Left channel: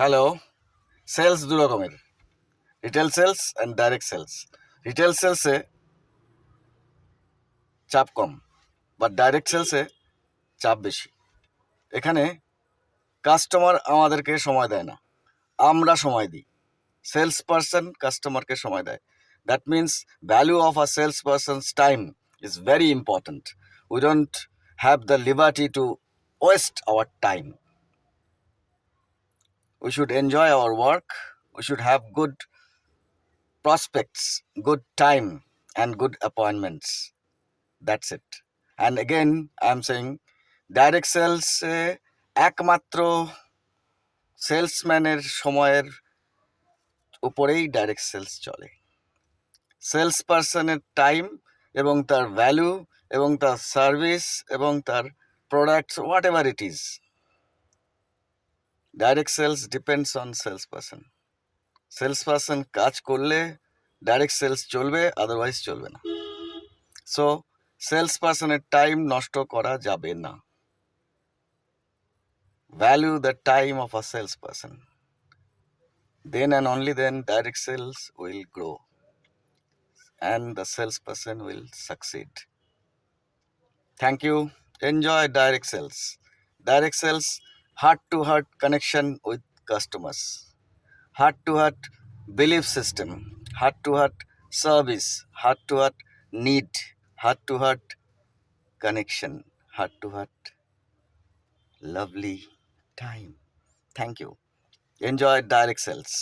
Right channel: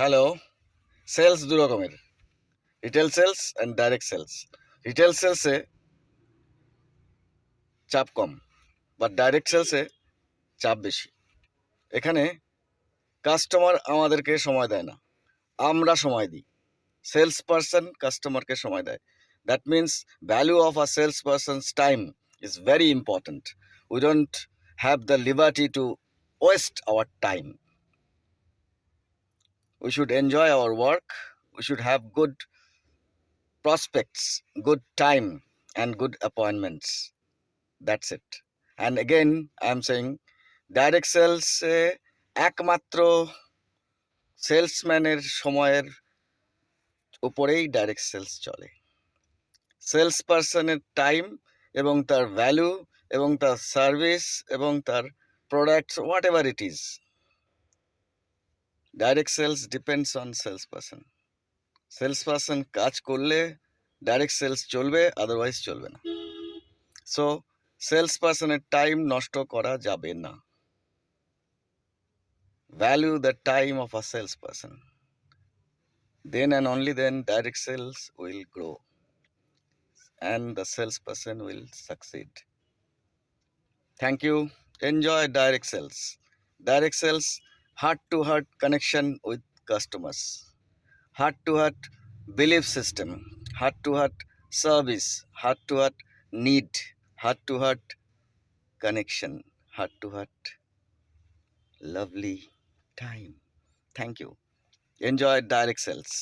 Hello, sales দু রকমের, retail sales and direct sales. Retail সেলসে চাপ কম, বা ডাইরেক্ট সেলসে চাপ বেশি। এখানে কাস্টমার আমাদেরকে সময় দেয় না, আমরা সময় দিই। সেলস পারসন কাস্টমারকে সময় দেয়। That means value of a sales person's time is very important. We don't have the liberty to waste our time. We should enjoy our work. We should have good prospects, good time, and good appointments. That's it. And again, I'm saying direct সেলসে একমাত্র সেলসম্যানের সময়ের উপরেই direct sales চলে। Sales person time এবং তার value এবং তার সার্ভিস এবং তার products whatever it is, direct sales depends on sales person. Sales person কাজ করলে ডাইরেক্ট সেলস চলবে, আদারওয়াইজ চলবে না। সো সেলস পার্সনের টাইম নষ্ট করা যাবে না। Value the time of a salesperson. Then and only then direct sales will grow and the salesperson will succeed. Thank you. Enjoy direct sales. Direct sales, heart to heart connection with customers, heart to heart belief system, heart to heart service, heart to heart need, heart to heart connection, heart to heart lovely time. Thank you. Enjoy direct sales.